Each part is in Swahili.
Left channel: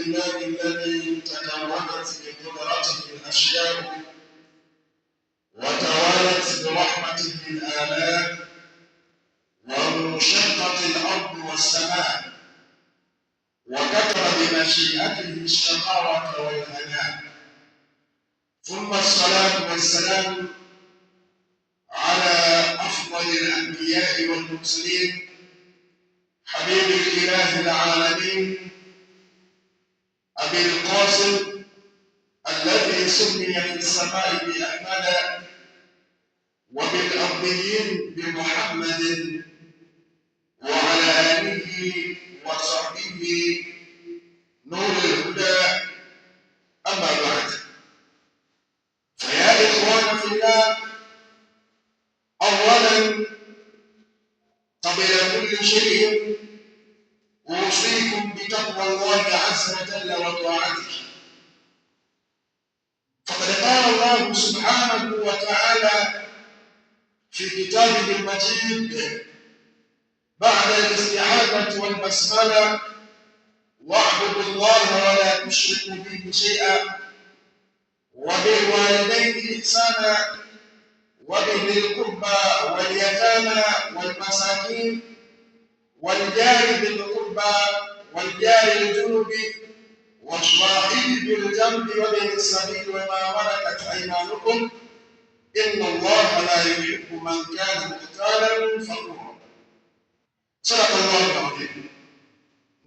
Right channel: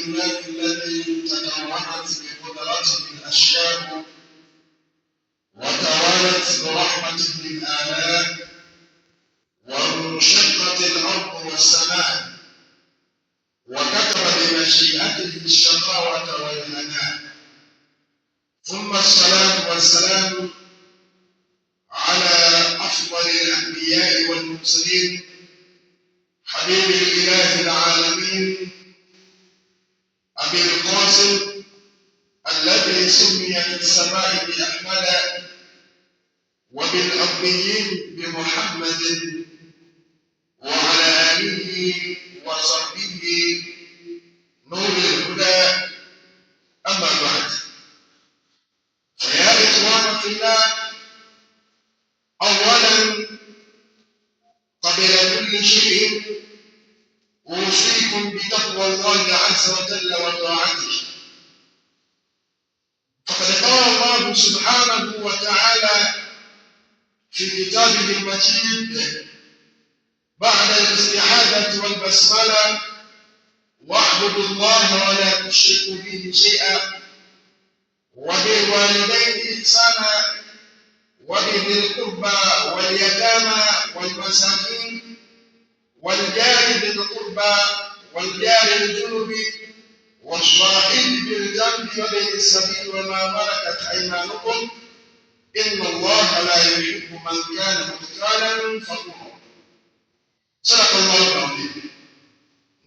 لله الذي تكونت بقدرته الأشياء وتوالت برحمته الآلاء وانشقت الأرض والسماء وكتب بمشيئته الشقاوة والهناء، ثم الصلاة والسلام على أفضل الأنبياء والمرسلين حبيب الإله العالمين أبي القاسم الذي سمي في السماء بأحمد وبالأرضيين بمحمد وعلى آله وصحبه نور الهدى. أما بعد، فيا إخوان في الله، أولا قبل كل شيء أوصيكم بتقوى الله عز وجل وطاعته، فقد قال الله سبحانه وتعالى في كتابه المجيد بعد الاستعاذة والبسملة: واعبدوا الله ولا تشركوا به شيئا وبالوالدين إحسانا وبذي القربى واليتامى والمساكين والجار ذي القربى والجار الجنب والصاحب بالجنب وابن السبيل وما ملكت أيمانكم إن الله لا يحب من كان مختالا فخورا. صدق الله العظيم.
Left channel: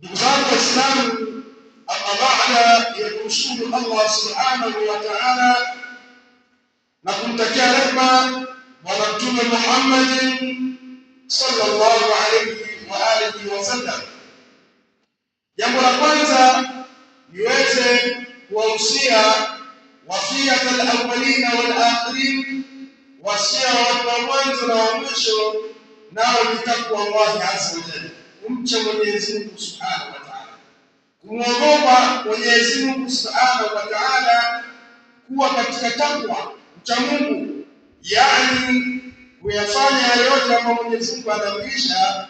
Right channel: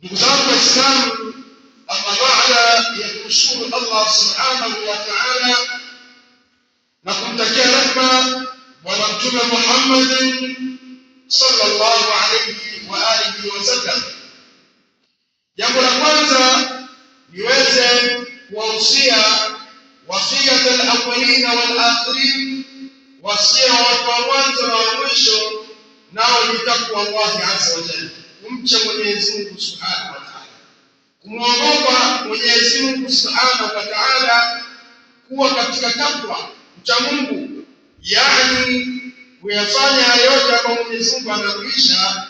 Ndugu zangu Waislamu, amma baada ya kumshukuru Allah subhanahu wa ta'ala na kumtakia rehema Bwana Mtume Muhammad sallallahu alayhi wa alihi wasallam, jambo la kwanza niweze kuwahusia wasiyat al-awwalin wal-akhirin, wasia wa mwanzo na wa mwisho, nao ni takwa Allah azza wa jalla, kumcha Mwenyezi Mungu subhanahu wa ta'ala, kumwogopa Mwenyezi Mungu subhanahu wa ta'ala, kuwa katika takwa, mcha Mungu, yani kuyafanya yale yote ambayo Mwenyezi Mungu anaamrisha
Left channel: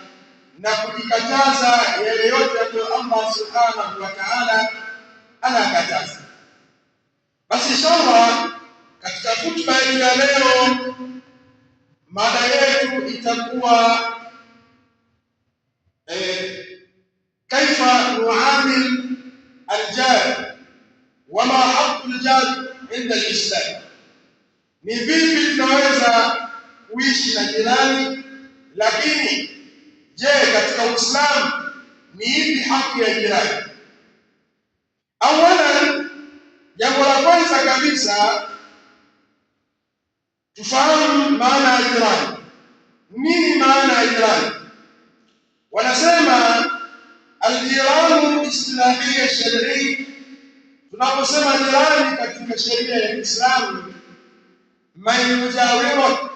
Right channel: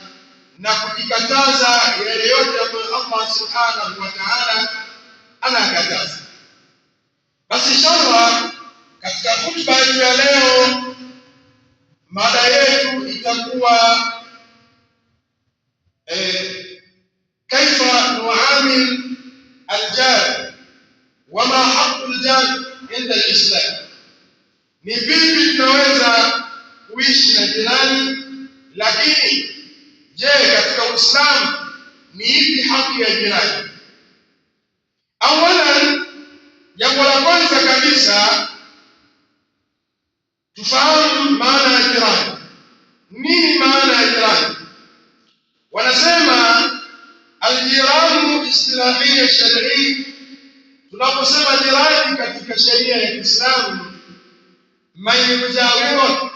na kujikataza yale yote ambayo Allah subhanahu wa ta'ala anakataza. Basi inshallah katika hutuba yetu ya leo, mada yetu itakuwa kaifa nuamil aljar wama haqqu aljar inda alislam, ni vipi tunaweza kuishi na jirani, lakini je, katika Uislamu ni ipi haki ya jirani? Awalan, jambo la kwanza kabisa tufahamu maana ya jirani. Nini maana ya jirani? Wanasema aljiranu istilahiyya shar'i. Tunaposema jirani katika sheria ya Kiislamu, man yujawiru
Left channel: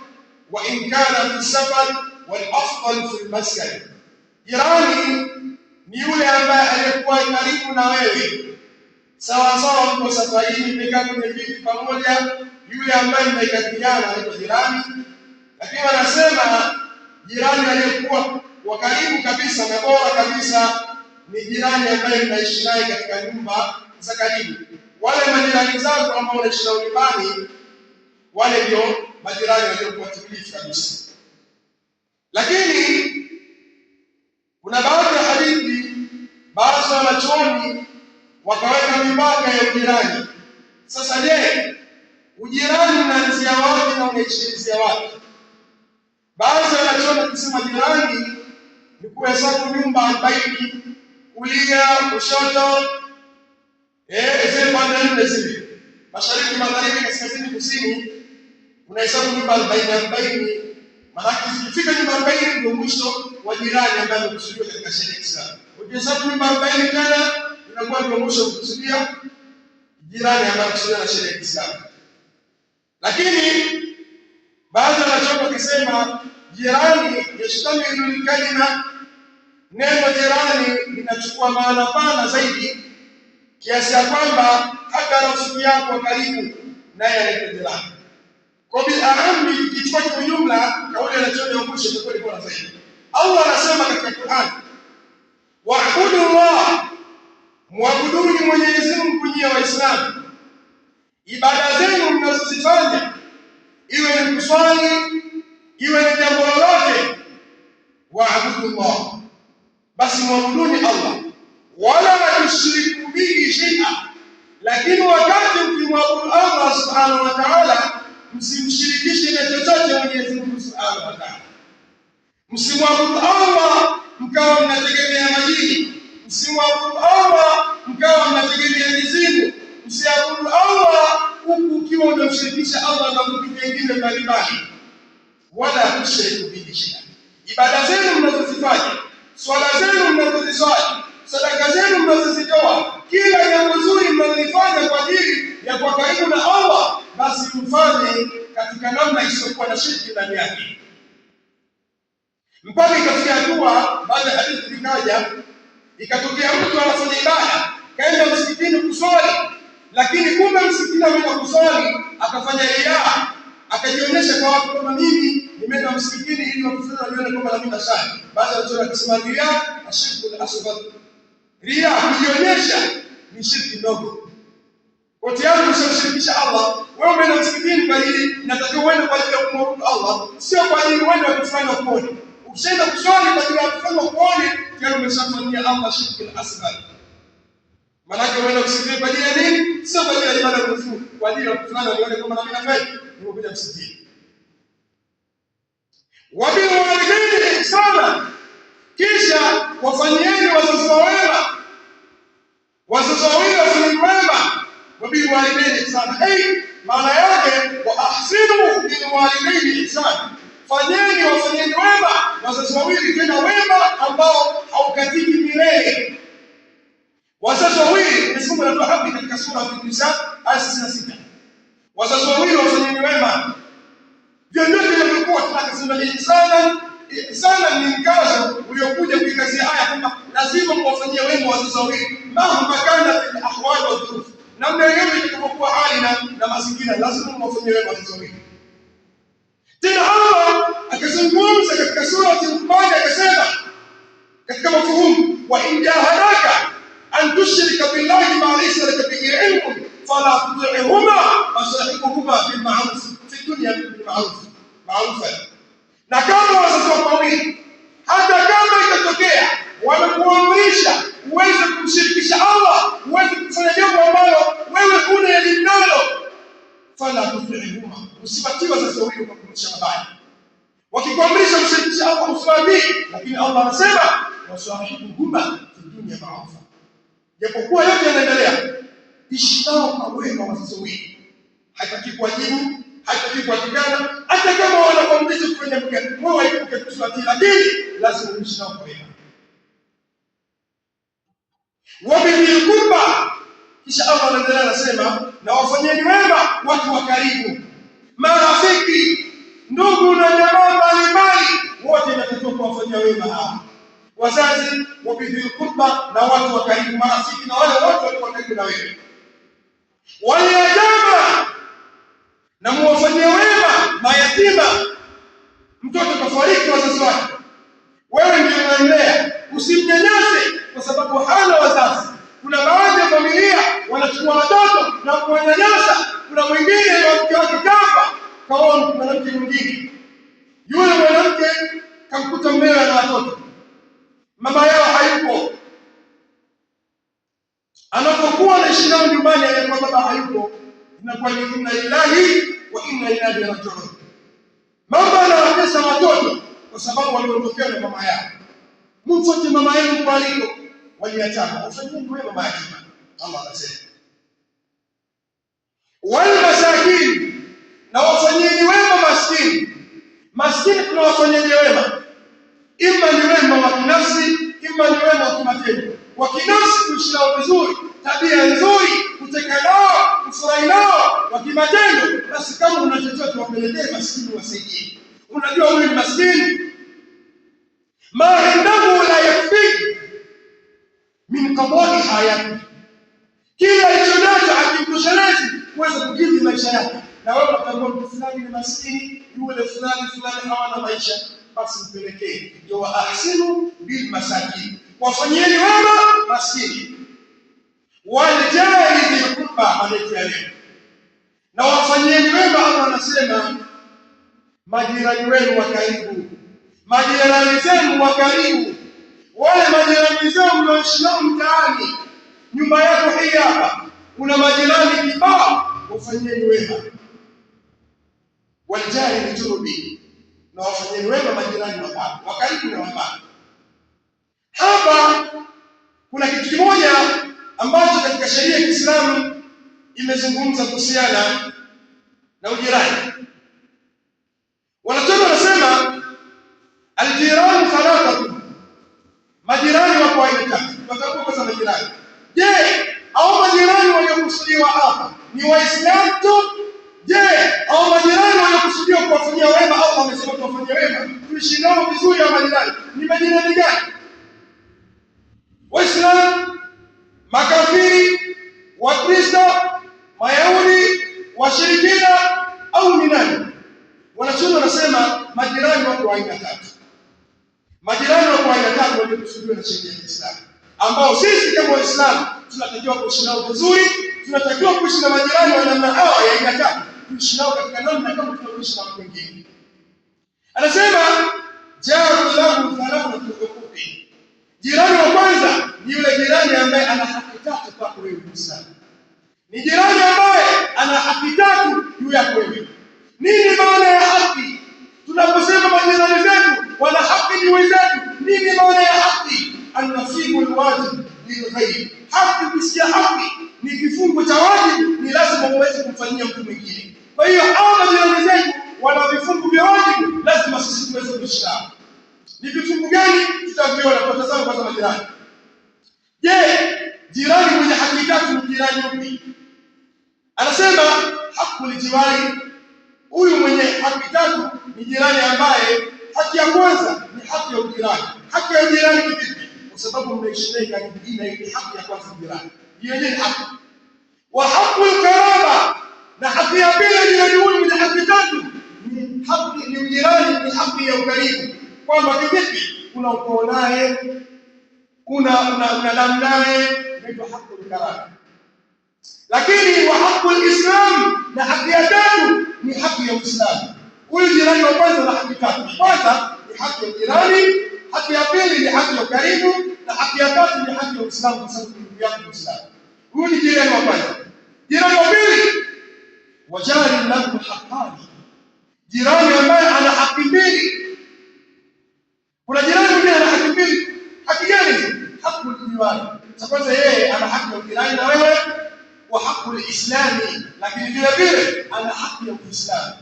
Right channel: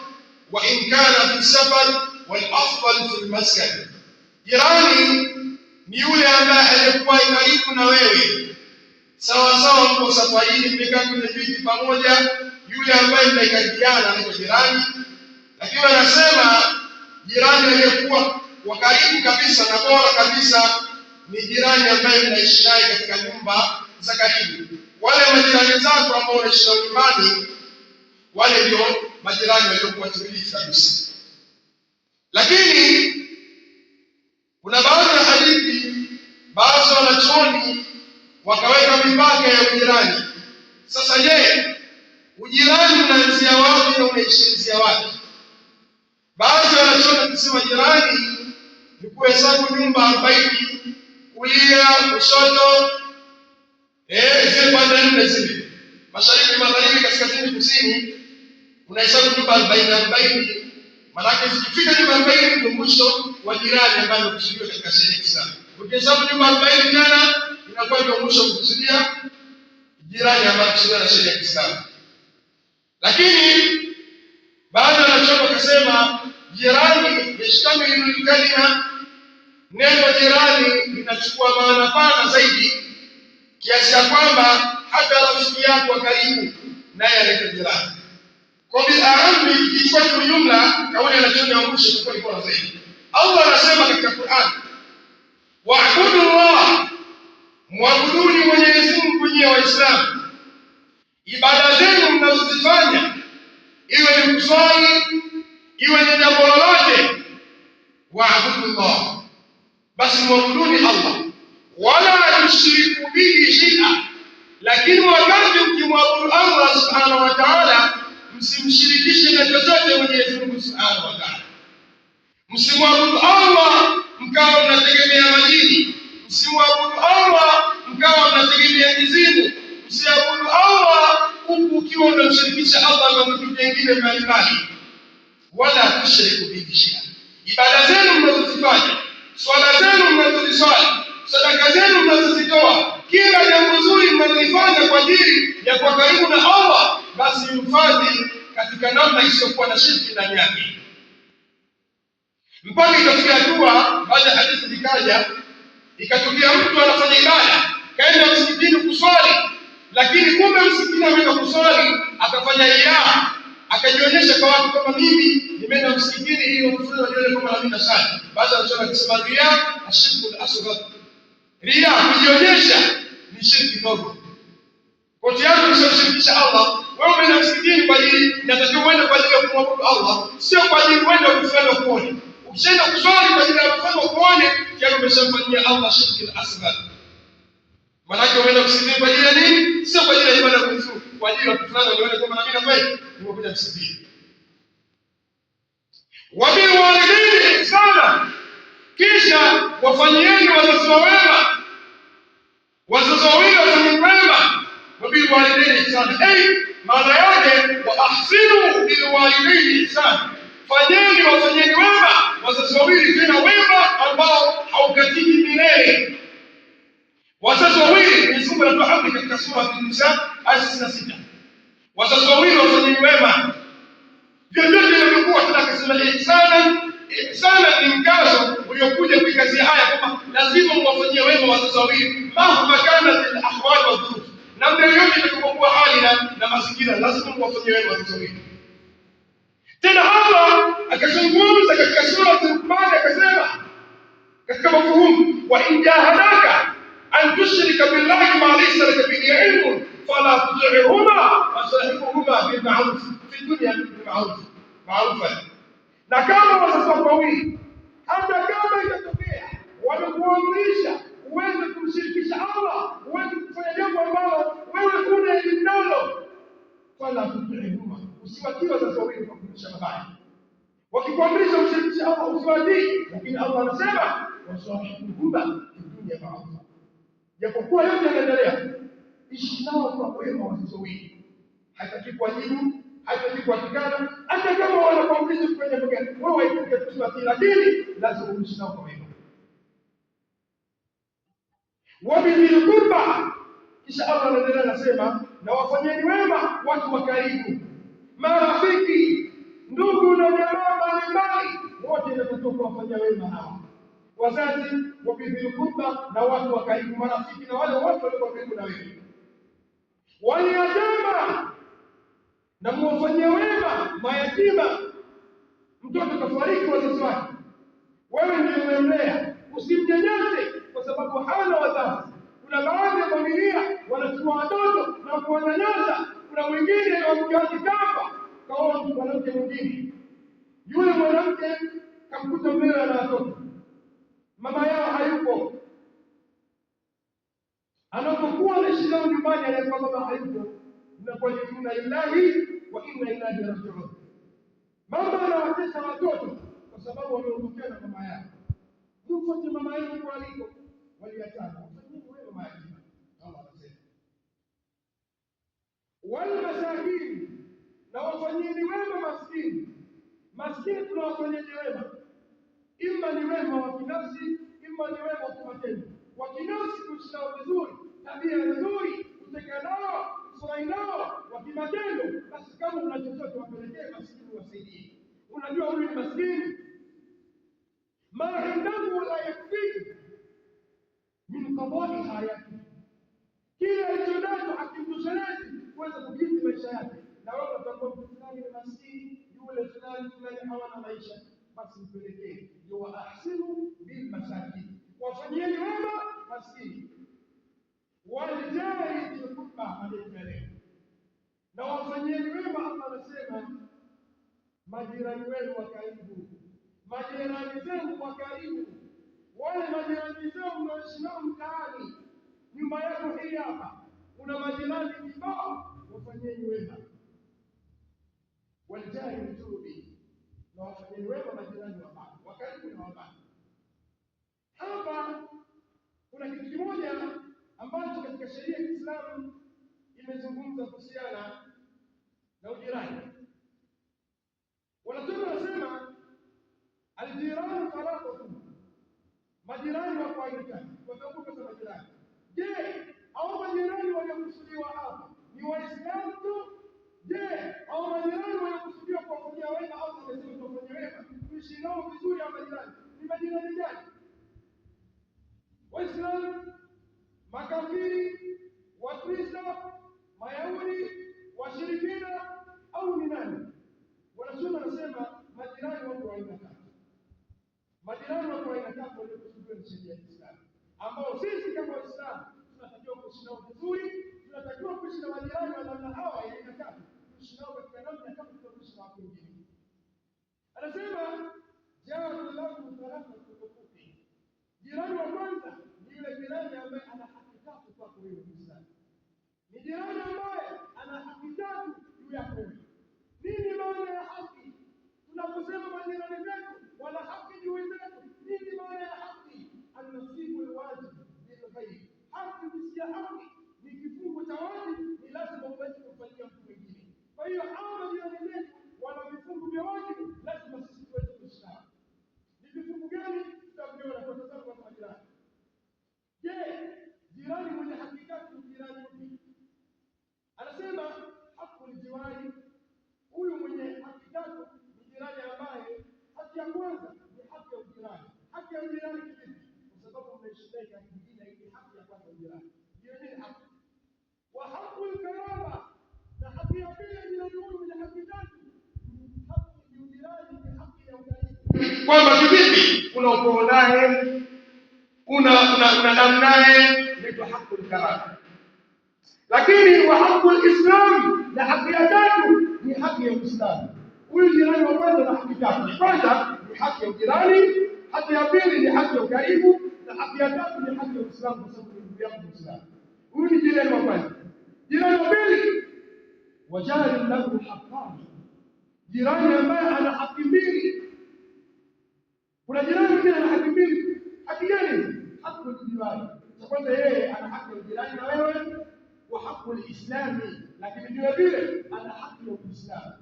wa in kana fi safar wal afdal fi almaskan. Jirani ni yule ambaye alikuwa karibu na wewe, sawa sawa mko safarini, mmekaa kwenye viti pamoja, yule ambaye mnaikaribiana anaitwa jirani. Lakini wanasema jirani aliyekuwa wa karibu kabisa na bora kabisa ni jirani ambaye mnaishi naye katika nyumba za karibu. Wale majirani zako ambao unaishi nao nyumbani, wale ndio majirani waliokuwa timilifu kabisa. Lakini kuna baadhi ya hadithi, baadhi ya wanachuoni wakaweka mipaka ya ujirani. Sasa je, ujirani unaanzia wapi na unaishia wapi? Baadhi ya wanachuoni kusema jirani ni kuhesabu nyumba 40 kulia, kushoto, zile pande nne zile, mashariki, magharibi, kaskazini, kusini, unahesabu nyumba 40. Maana zikifika nyumba 40 ndio mwisho wa jirani ambaye amekusudiwa katika sheria ya Kiislamu. Ukihesabu nyumba 40 tena inakuwa ndio mwisho kukusudia jirani ambaye amekusudiwa na sheria ya Kiislamu. Lakini baadhi ya wanachuoni wakasema jirani yashtamilu kalima, neno jirani linachukua maana pana zaidi, kiasi ya kwamba hata rafiki yako wa karibu naye anaitwa jirani. Kwa bi'amri, ikichukua kwa jumla, kauli anachoona ya mwisho itakuwa ni bora zaidi. Allah anasema katika Qur'an, wa'budu Allah Muabuduni Mwenyezi Mungu nyie Waislamu, ibada zenu mnazozifanya, iwe ni kuswali, iwe ni jambo lolote, waabudullah, basi muabuduni Allah, wala tushiriku bihi shay'a. Lakini wakati mkimwabudu Allah subhanahu wa ta'ala, msimshirikishe na chochote Mwenyezi Mungu subhanahu wa ta'ala. Msimwabudu Allah mkawa mnategemea majini, msimwabudu Allah mkawa mnategemea mizimu, msiabudu Allah huku ukiwa unamshirikisha Allah na vitu vingine mbalimbali. Wala tushiriku bihi shay'a. Ibada zenu mnazozifanya, swala zenu mnazoziswali, sadaka zenu mnazozitoa, kila jambo zuri mnalofanya kwa ajili ya kuwa karibu na Allah, basi mfanye katika namna isiyokuwa na shirki ndani yake. Mpaka ikafikia hatua baada ya hadithi ikaja, ikatokea mtu anafanya ibada, kaenda msikitini kuswali, lakini kumbe msikitini ameenda kuswali akafanya riya, akajionyesha kwa watu kama mimi nimeenda msikitini ili watu waone kama mimi nasali. Baada ya kusema akisema riya ashirku asghar, riya kujionyesha ni shirki ndogo. Kwa tayari umeshirikisha Allah. Wewe umeenda msikitini kwa ajili, inatakiwa uende kwa ajili ya kumwabudu Allah, sio kwa ajili uende kufanya kuone. Ukishaenda kuswali kwa ajili ya kufanya kuone, tayari umeshamfanyia Allah shirki asghar. Maana umeenda msikitini kwa ajili ya nini? Sio kwa ajili ya ibada ya Mungu, kwa ajili ya kufanya nione kama mimi nafanya, nimekuja msikitini. Wa bil walidaini ihsana, kisha wafanyieni wazazi wema, wazazi wawili wafanyeni wema. Wa bil walidaini ihsana, maana yake wa ahsinu bil walidaini ihsana, wafanyeni wema wazazi wawili, tena wema ambao haukatiki milele. Wazazi wawili, Mwenyezi Mungu anatoa amri katika sura An-Nisa aya 66. Wazazi wawili wafanyeni wema. Vyovyote vilivyokuwa, tunakasema ihsana ni mkazo uliokuja kuikazia aya kwamba lazima muwafanyie wema wazazi wawili, mahma kana fil ahwal wa dhuruf, namna yoyote itakapokuwa hali na mazingira, lazima muwafanyie wema wazazi wawili. Tena Allah akazungumza katika sura Al-Luqman akasema katika mafuhumu, wa in jahadaka an tushrika billahi ma laysa laka bihi ilmun fala tuti'huma wa sahibuhuma bil ma'ruf fi dunya bil ma'ruf. Na kama wazazi wako wawili, hata kama itatokea wanakuamrisha uweze kumshirikisha Allah, uweze kufanya jambo ambalo wewe huna elimu nalo, fala tuti'huma, usiwatii wazazi wawili kwa kumsha mabaya. Wakikuamrisha mshirikisha Allah usiwatii, lakini Allah anasema wasahibuhuma fi dunya ma'ruf. Japokuwa yote yanaendelea, ishi nao kwa wema wazazi wawili. Haitaki kuwajibu, haitaki kuwatukana, hata kama wanakuamrisha kufanya mgeni, wewe waipuke kusiwatii, lakini lazima uishi nao kwa wema. Wa bil qurba, kisha Allah anaendelea anasema, na wafanyeni wema watu wa karibu, marafiki, ndugu na jamaa mbalimbali, wote inatakiwa kuwafanyia wema hawa wazazi. Wa bil qurba, na watu wa karibu, marafiki na wale wote walio karibu na wewe. Waliojama, na muwafanyie wema mayatima. Mtoto kafariki wazazi wake, wewe ndiye unamlea, usimnyanyase kwa sababu hana wazazi. Kuna baadhi ya familia wanachukua watoto na kuwanyanyasa. Kuna mwingine mke wake kafa, kaoa mwanamke mwingine, yule mwanamke kamkuta mmewe na watoto, mama yao hayupo. Anapokuwa anaishi nao nyumbani, alikuwa baba hayupo, inakuwa ni inna lillahi wa inna ilaihi raji'un. Mama anawatesa watoto kwa sababu waliondokewa na mama yao. Mfuate mama yenu kwa aliko, waliachana. Wafanyeni wema mayatima, Allah anasema. Wal masakin, na wafanyeni wema maskini. Maskini tunawafanyeni wema, ima ni wema wa kinafsi, ima ni wema wa kimatendo. Wa kinafsi kuishi nao vizuri, tabia nzuri, kuteka nao, kufurahi nao. Wa kimatendo, basi kama una chochote wapelekee maskini, wasaidie. Unajua wewe ni maskini, ma indahu la yakfi min qadari hayati, kila alichonacho hakimtoshelezi kuweza kukidhi maisha yake. Na wewe unatamani mtu fulani ni maskini, yule fulani hawana maisha, basi mpelekee. Ndio wa ahsinu bil masakin, wafanyeni wema maskini. waljari dhil qurba, anatia leo, na wafanyieni wema. Allah anasema majirani wenu wa karibu, majirani zenu wa karibu, wale majirani zenu mnaoishi nao mtaani. Nyumba yako hii hapa kuna majirani kibao, wafanyieni wema. Waljari dhil junubi, na wafanyieni wema majirani wa karibu na wabaya. Hapa kuna kitu kimoja ambacho katika sheria ya Kiislamu imezungumza kuhusiana na ujirani. Wanachuoni wanasema aljirani thalathatu, majirani wako aina tatu. Watakuwa kwanza majirani. Je, hao majirani waliokusudiwa hapa ni Waislamu tu? Je, hao majirani waliokusudiwa kuwafanyia wema au wamesema kuwafanyia wema tuishi nao vizuri, ya majirani ni majirani gani? Waislamu, makafiri, Wakristo, Mayahudi, washirikina au ni nani? Wanachuoni wanasema majirani wako aina tatu. Majirani wako aina tatu waliokusudiwa na sheria ya Kiislamu, ambao sisi kama Waislamu tunatakiwa kuishi nao vizuri. Tunatakiwa kuishi na majirani wa namna hawa ya aina tatu, kuishi nao katika namna kama tunavyoishi na watu wengine. Anasema jaru lahu thalathatu huquqi, jirani wa kwanza ni yule jirani ambaye ana haki tatu kwako wewe Muislamu. Ni jirani ambaye ana haki tatu juu yako wewe. Nini maana ya haki? Tunaposema majirani zetu wana haki juu yetu, nini maana ya haki? An-nasibu al-wajib lil-ghayr. Haki, ukisikia haki ni kifungo cha wajibu, ni lazima uweze kumfanyia mtu mwingine. Kwa hiyo hao majirani zetu wana vifungo vya wajibu, lazima sisi tuweze kushika. Ni vifungo gani? Tutaviona kwa tazama kwa majirani. Je, jirani mwenye haki tatu ni jirani yupi? Anasema hakul jiwari, huyu mwenye haki tatu ni jirani ambaye haki ya kwanza ni haki ya ujirani. Haki ya ujirani ni vipi? Kwa sababu mnaishi naye karibu, ile haki ya kwanza jirani. Hiyo ni haki. Wa hakul karaba, na haki ya pili jirani huyu mwenye haki tatu ni haki ya ujirani, ni haki ya ukaribu. Kwamba kivipi? Kuna ukoo naye, kuna damu naye, inaitwa hakul karaba. Lakini wa hakul islam, na haki ya tatu ni haki ya Uislamu. Huyu jirani wa kwanza na haki tatu. Kwanza ni haki ya jirani, haki ya pili ni haki ya ukaribu, na haki ya tatu ni haki ya Uislamu, kwa sababu ni ndugu yako Muislamu. Huyu ni jirani wa kwanza. Jirani wa pili, wajari lahu haqqani, jirani ambaye ana haki mbili. Kuna jirani mwingine ana haki mbili. Haki gani? Hakul jiwari. Cha kwanza yeye ana haki ya jirani na wewe, wa hakul islami, lakini vile vile ana haki ya Uislamu.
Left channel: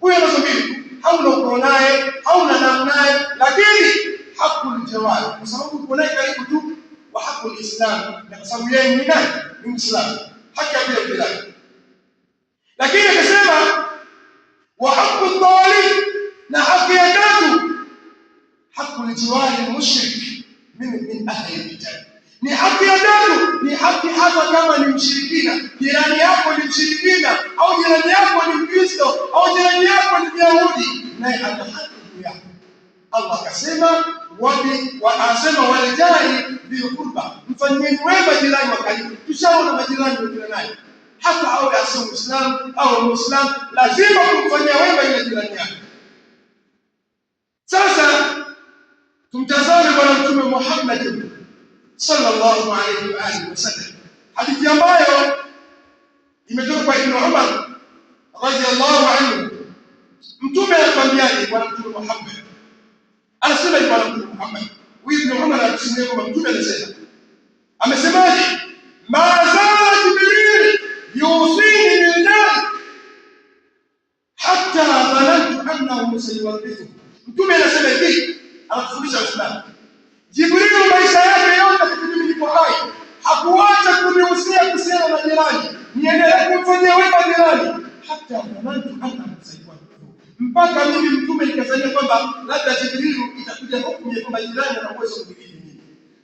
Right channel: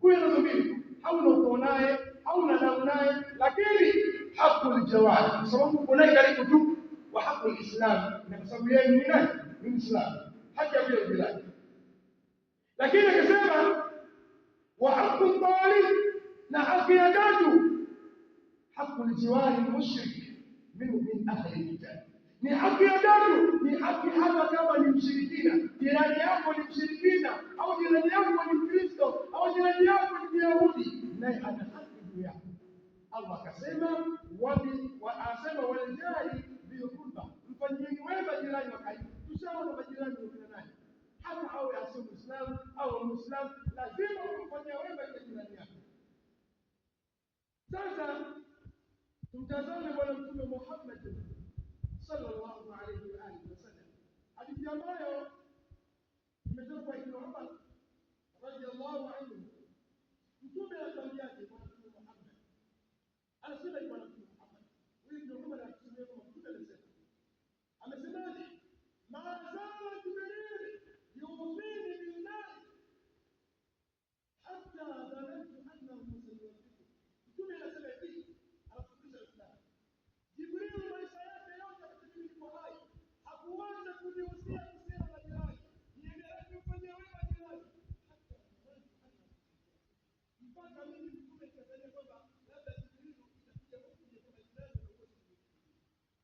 Huyo anazo mbili, hauna ukoo naye, hauna damu naye, lakini hakul jawari, kwa sababu uko naye karibu tu. Wa hakul islam, na kwa sababu yeye ni nani? Ni Muislamu. Haki ya jirani. Lakini akasema wa hakul talib, na haki ya tatu hakul jiwari mushrik min ahli al-kitab. Ni haki ya tatu, ni haki hata kama ni mshirikina. Jirani yako ni mshirikina, au jirani yako ni Mkristo, au jirani yako ni Myahudi, naye ana haki juu yako. Allah akasema anasema waljari dhil qurba, mfanyieni wema jirani wa karibu. Tushaona majirani wengine naye, hata awe asiye Muislamu au Muislamu, lazima kumfanyia wema ile jirani yako. Sasa tumtazame Bwana Mtume Muhammad sallallahu alayhi wa alihi wasallam, hadithi ambayo imetoka kwa Ibn Umar radhiyallahu anhu. Mtume anatuambiaje? Bwana Mtume Muhammad anasema, Bwana Mtume Muhammad, Ibn Umar anatusimulia kwamba Mtume anasema, amesemaje? Ma zala Jibril yusini billahi hatta dhanantu annahu sayuwarithu. Mtume anasema hivi, anatufundisha Uislamu. Jibril maisha yake yote kipindi nilipo hai hakuacha kunihusia kuhusiana na jirani, niendelee kumfanyia wema jirani, hata dhanantu annahu sayuwarithu, mpaka mimi Mtume nikazania kwamba labda Jibril itakuja hukumu ya kwamba jirani ana uwezo kumiliki mimi.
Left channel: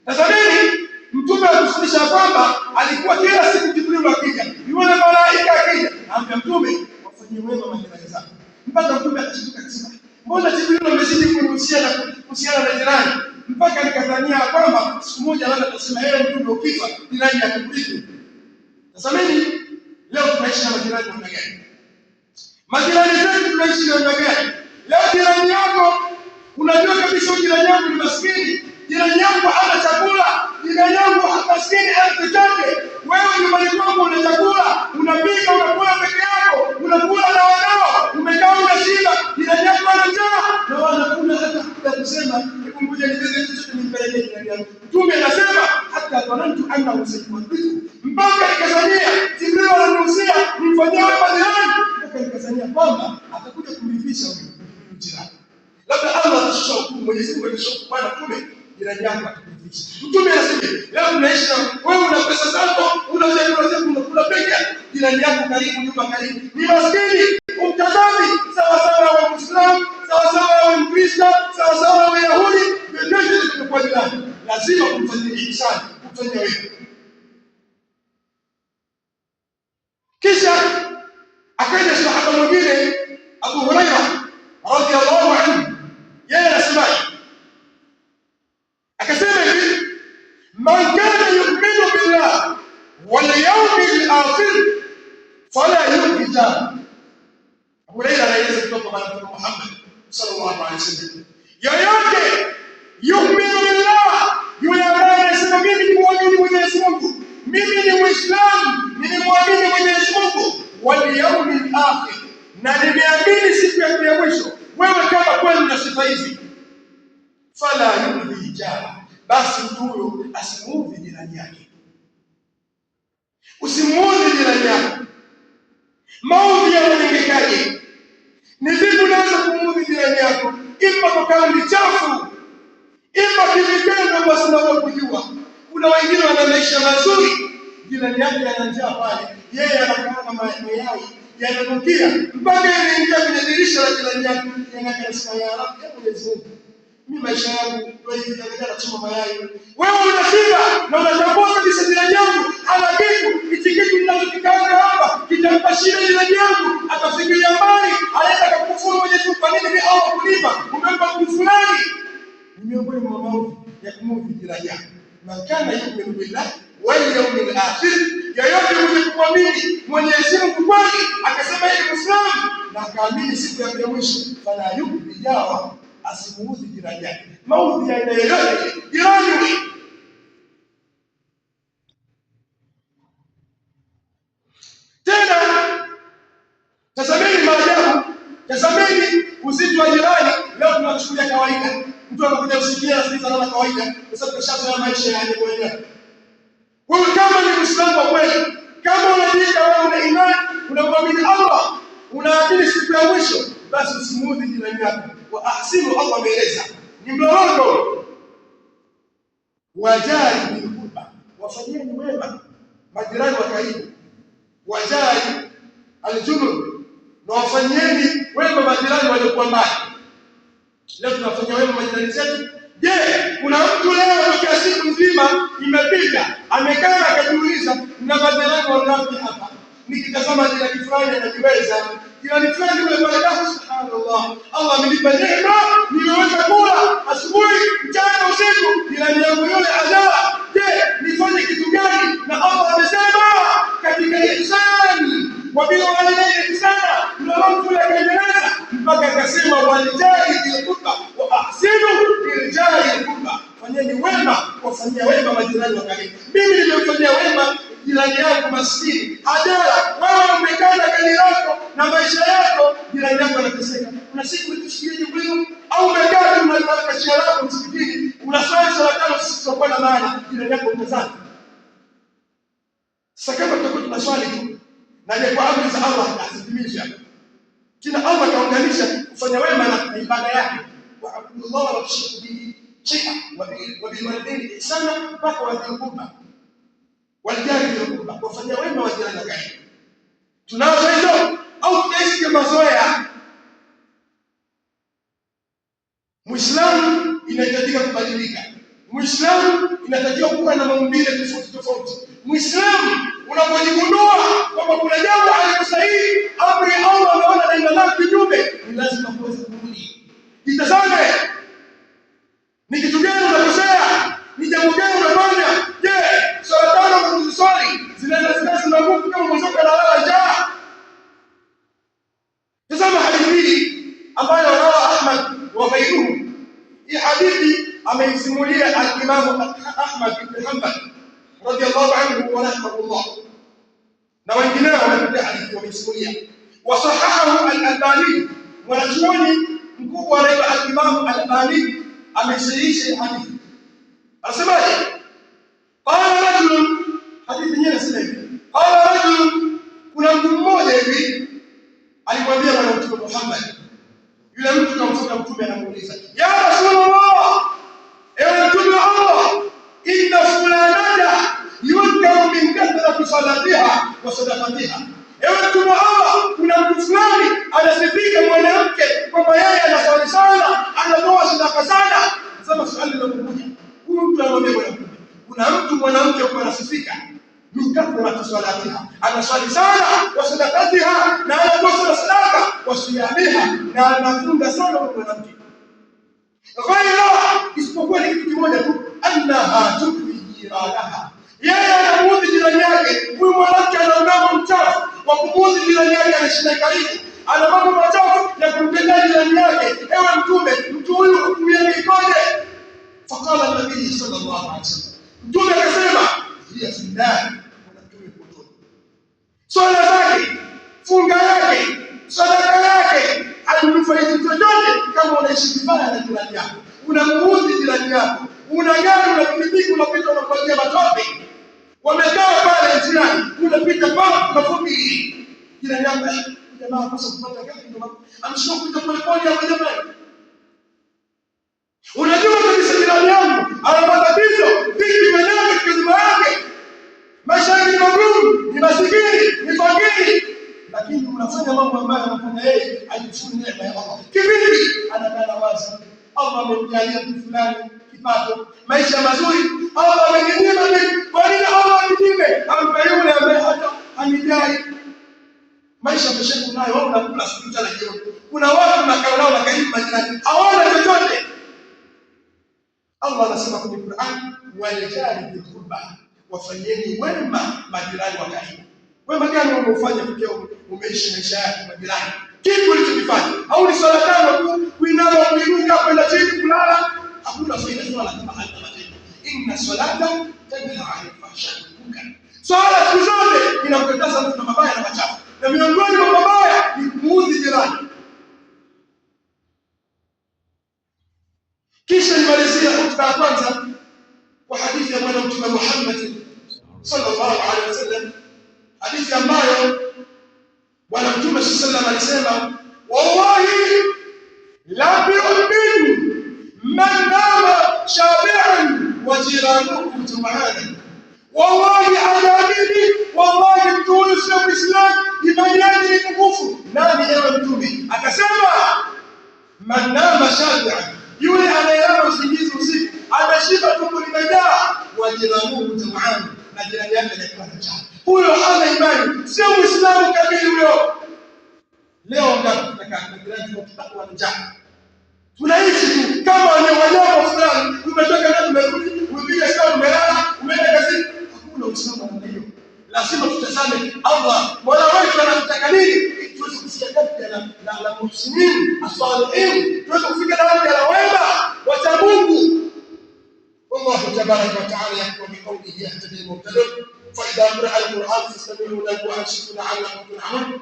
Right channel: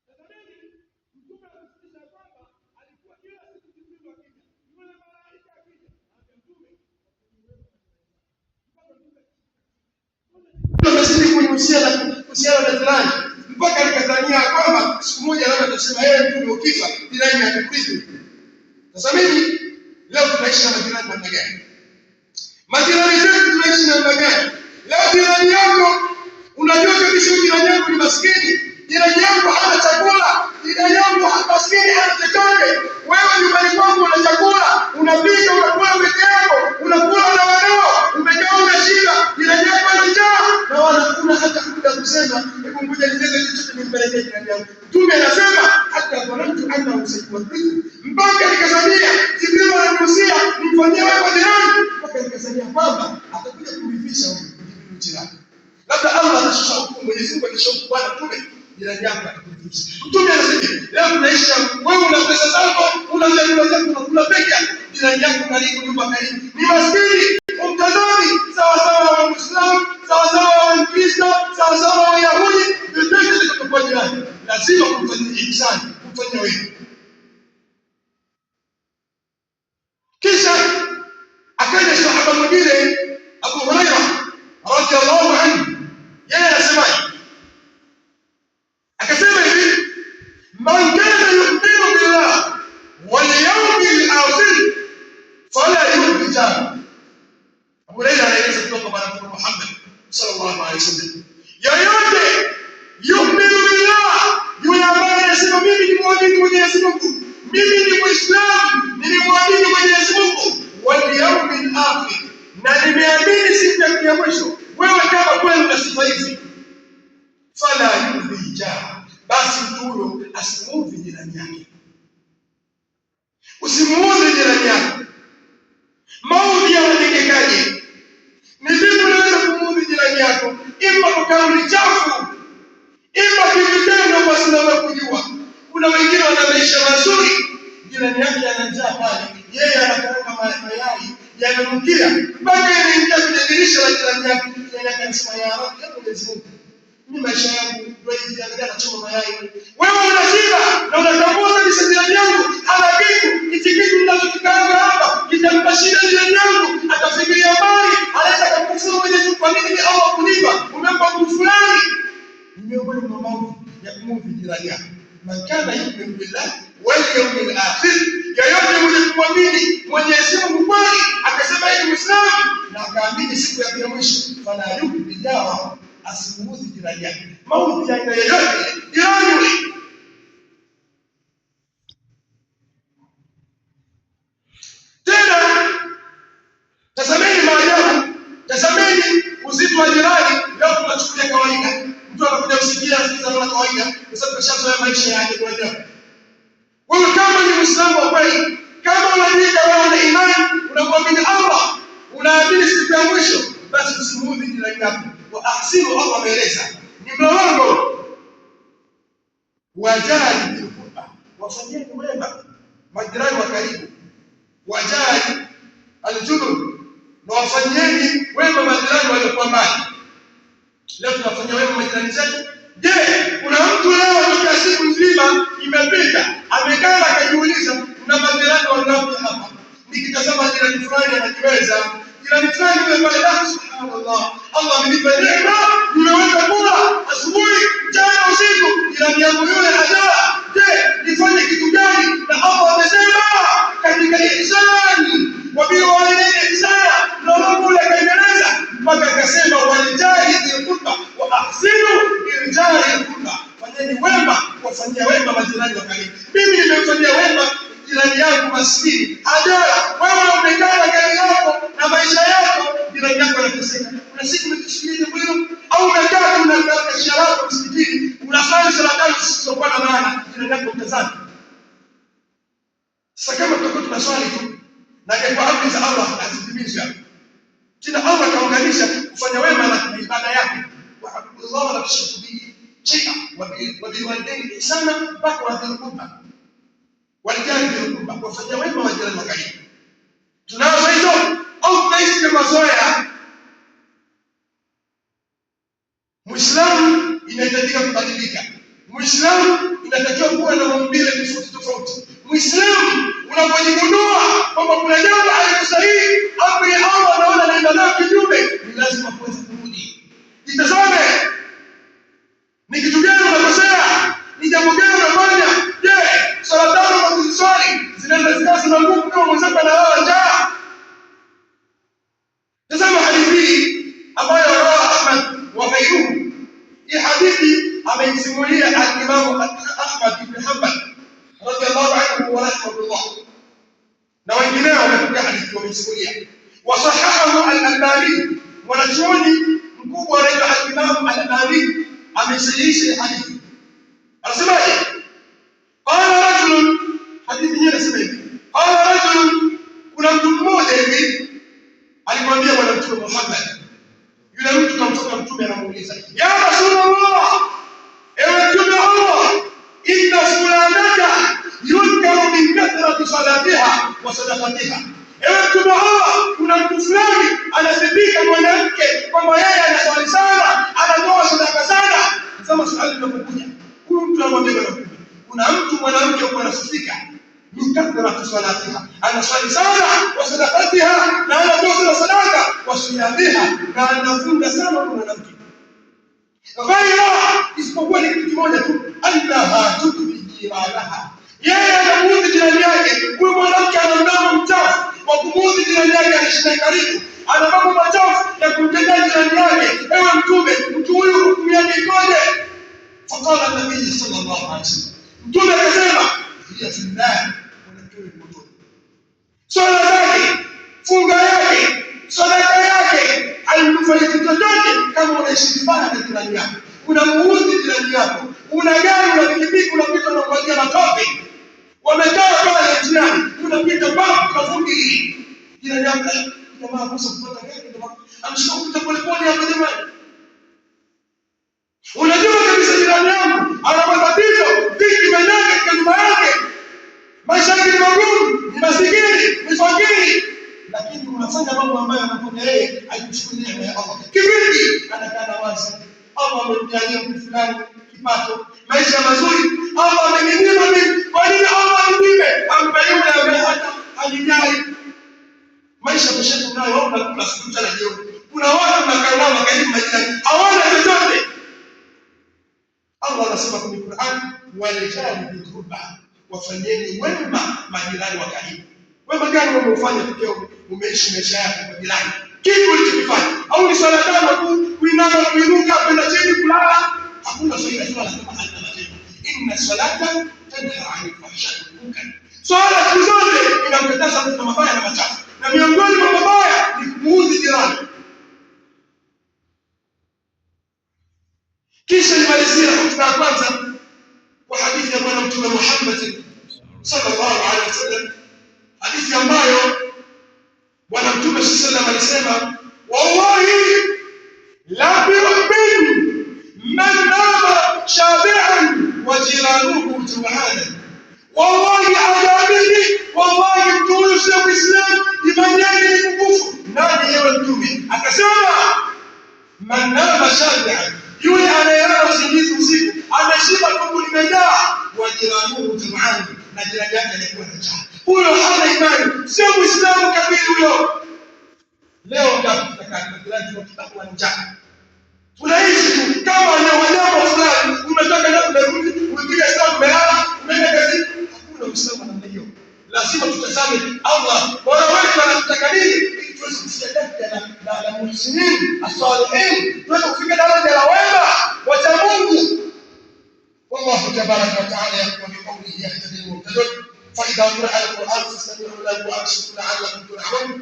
Tazameni, Mtume anatufundisha kwamba alikuwa kila siku Jibril akija, yule malaika akija, anambia Mtume wafanyie wema majirani zako. Mpaka Mtume akashtuka akasema, mbona Jibril amezidi kunihusia kuhusiana na jirani, mpaka nikadhania kwamba siku moja labda atasema yeye Mtume ukifa jirani akikurithi. Sasa mimi leo tunaishi na majirani namna gani? Majirani zetu tunaishi namna gani? Leo jirani yako unajua kabisa jirani yako ni maskini, jirani yako hana chakula, jirani yako maskini hana chochote. Wewe nyumbani kwako una chakula, unapika, unakula peke yako, unakula na wanao, umekaa una shida, jirani yako ana njaa na wanakula hata kuja kusema hebu ngoja nitenge chochote nimpelekee jirani yangu. Mtume anasema hata dhanantu annahu sayuwadhiku, mpaka nikazania Jibril ananihusia nimfanyie wema jirani, mpaka nikazania kwamba atakuja kumridhisha huyu jirani. Labda Allah atashusha hukumu, Mwenyezi Mungu atashusha hukumu, bwana Mtume jirani yako atakuridhisha. Mtume anasema leo tunaishi wewe una pesa zako, una chakula chako unakula peke yako, jirani yako karibu, nyumba karibu ni maskini, umtazami sawa sawa wa Muislamu, sawa sawa wa Mkristo, sawa sawa wa Yahudi, vyovyote vitakapokuwa jirani lazima kumfanyia ihsani, kumfanyia wema. Kisha akaja sahaba mwingine Abu Hurairah radhiyallahu anhu, yeye anasemaje? Akasema hivi, man kana yu'minu billah wal yawmil akhir fala yu'zi jara. Abu Hurairah anaeleza kutoka kwa Mtume Muhammad sallallahu alaihi wasallam, yoyote yu'minu billah, yule ambaye anasema mimi ni muamini Mwenyezi Mungu, mimi ni Muislamu, ni muamini Mwenyezi Mungu, wal yawmil akhir, na nimeamini siku ya mwisho. Wewe kama kweli una sifa hizi, fala yu'zi jara, basi mtu huyo asimuudhi jirani yake. Usimuudhi jirani yako. Maudhi yanatendekaje? Ni vipi unaweza kumuudhi jirani yako? Ima kwa kauli chafu, ima kivitendo kwa sababu kujua. Kuna wengine wana maisha mazuri, jirani yake ana njaa pale, yeye anakanga mayai yananukia mpaka yanaingia kwenye dirisha la jirani yake, yeye anasema ya Rabbi, Mwenyezi Mungu, mimi maisha yangu ndio hivi, angalia nachoma mayai. Wewe una shida na unatambua kabisa jirani yangu ana kitu, hichi kitu ninachokikanga hapa kitampa shida jirani yangu, atafikiria mbali, anaweza kukufuru Mwenyezi Mungu, kwa nini mimi Allah kunipa, umempa mtu fulani. Ni miongoni mwa mambo ya kumuudhi jirani yako. Man kana yu'minu billahi wal yawmil akhir, yoyote mwenye kumwamini Mwenyezi Mungu kweli, akasema yeye ni Muislamu na akaamini siku ya mwisho, fala yu'zi jara, asimuudhi jirani yake. Maudhi ya aina yoyote jirani. Tena tazameni maajabu, tazameni uzito wa jirani. Leo tunachukulia kawaida, mtu anakuja kusikia asikiza na kawaida, kwa sababu kashazoea maisha ya ajabu ajabu. Wewe kama ni Muislamu wa kweli, kama unajiita wewe una imani, unamwamini Allah, unaamini siku ya mwisho, basi usimuudhi jirani yako. Wa ahsinu, Allah ameeleza ni mlolongo. Wajali bil qurba, wafanyeni wema majirani wa karibu. Wajali al-junub, na wafanyeni wema majirani waliokuwa mbali. Leo tunafanya wema majirani zetu. Je, kuna mtu leo kwa siku nzima imepita amekaa akajiuliza na majirani wangapi hapa? Nikitazama jirani fulani anajiweza, jirani fulani yule baada, subhanallah, Allah amenipa neema, nimeweza kula asubuhi, mchana, usiku, jirani yangu yule hajala. Je, nifanye kitu gani? Na Allah amesema katika ihsani wa bil walidaini ihsana, na Mungu akaendeleza mpaka akasema walijali bil qurba wa ahsinu bil jari qurba, fanyeni wema kuwafanyia wema majirani wa karibu. Mimi nimemfanyia wema jirani yangu maskini hajala, wewe umekaa na gari lako na maisha yako, jirani yako anateseka. Kuna siku umetushikilia huyo, au umekaa na kashia lako msikitini unasali sala tano zisizokuwa na maana, jirani yako mtazani. Sasa kama tutakuwa tunaswali tu na ile kwa amri za Allah hazitimizwi, tena Allah kaunganisha kufanya wema na ibada yake, wa abdullah la tushriku bihi shay'a wa bil walidaini ihsana, mpaka wa dhil qurba walijali bil qurba, kufanya wema wa jirani wa karibu. Tunazo hizo au tunaishi kama mazoea? Muislamu inahitajika kubadilika. Muislamu inatakiwa kuwa na maumbile tofauti tofauti. Muislamu unapojigundua kwamba kuna jambo halikusahihi, amri ya Allah anaona naenda nayo kinyume, ni lazima kuweza kurudi. Jitazame, ni kitu gani unakosea? Ni jambo gani unafanya? Je, swala tano unaziswali zinaenda zikazi na rahimahullah, na wengineo wamepokea hadithi wamesimulia. Wasahahahu al-Albani, mwanachuoni mkubwa anaitwa al-Imam al-Albani amesahihisha hadithi. Anasemaje? Qala rajulun, hadithi yenyewe inasema hivi, qala rajulun, kuna mtu mmoja hivi alimwambia bwana Mtume Muhammad, yule mtu kamfuata Mtume anamuuliza, ya Rasulullah, ewe Mtume wa Allah, inna fulanata yunkaru min kathrati salatiha wa sadaqatiha. Ewe Mtume wa Allah, kuna mtu fulani anasifika mwanamke kwamba yeye anaswali sana, anatoa sadaka sana. Sasa swali linakuja, huyu mtu anamwambia bwana Mtume, kuna mtu mwanamke huko anasifika min kathrati salatiha, anaswali sana, wa sadaqatiha, na anatoa sadaka, wa siyamiha, na anafunga sana mwanamke. Ghaira, isipokuwa ni kitu kimoja tu, annaha tukfi jiranaha, yeye anamuudhi jirani yake. Huyu mwanamke ana mdomo mchafu wa kumuudhi jirani yake, anashinda karibu, ana mambo machafu ya kumtendea jirani yake. Ewe Mtume, mtu huyu hukumu yake ikoje? Faqala nabii sallallahu alaihi wasallam, Mtume akasema, hiya fillah, mwanamke huyu motoni. Swala zake, funga yake, sadaka yake haimnufaisi chochote kama unaishi vibaya na jirani yako, unamuudhi jirani yako, una gari, una pikipiki, unapita unamwagia matope, wamekaa pale jirani, unapita pale unafungi jirani yako, jamaa kosa kupata gari, jamaa anashika kupita pole pole hapo jamani. Unajua kabisa jirani yangu ana matatizo, vipi vyenyewe katika nyumba yake, maisha yake ni magumu, ni masikini, ni fakiri, lakini unafanya mambo ambayo anafanya yeye ajishukuru neema ya Allah. Kivipi? Anakaa wazi, Allah amemjalia mtu fulani kipato, maisha mazuri, Allah ameninyima mimi. Kwa nini Allah aninyime? Ampe yule ambaye hata hanijali. Maisha mshetu nayo, wao unakula siku na jioni. Kuna watu wanakaa nao wakaribu majirani, hawana chochote. Allah anasema kwenye Qur'an, walijali biturba, wafanyeni wema majirani wa karibu. Wema gani umeufanya tukio umeishi maisha yako kwa jirani? Kitu ulichokifanya au ni swala tano tu, kuinama kuinuka kwenda chini kulala, hakuna faida swala kama hata matendo. Inna salata tanha 'anil fahsha'i wal munkar. Swala siku zote inamkataza mtu na mabaya na machafu, na miongoni mwa mabaya ni kumuudhi jirani. Kisha nimalizia hotuba ya kwanza kwa hadithi ya Bwana Mtume Muhammad sallallahu alaihi wasallam, hadithi ambayo Bwana Mtume sallallahu alaihi wasallam alisema, wallahi la yu'min man nama shabi'an wa jiranuhu ju'anan. Wallahi adabidi, wallahi mtu huyu sio Muislamu, imani yake ni pungufu. Nani ewe Mtume? Akasema, man nama shabi'an, yule anayelala usingizi usiku, ameshiba tumbo limejaa, wa jiranuhu ju'anan, na jirani yake anakuwa na njaa, huyo hana imani, sio Muislamu kamili huyo. Leo tunataka majirani tunataka njaa, tunaishi tu kama wanyama fulani, umetoka na umerudi, umepiga hesabu, umelala, umeenda kazini. Hakuna Uislamu namna hiyo. Lazima tutazame Allah Mola wetu anataka nini, ili tuweze kufikia daraja la muhsinin as-salihin, tuweze kufika daraja la wema wacha Mungu. والله تبارك وتعالى يقول بقوله يهتدي المهتدون فإذا قرأ القرآن فاستمعوا له وأنصتوا لعلكم ترحمون.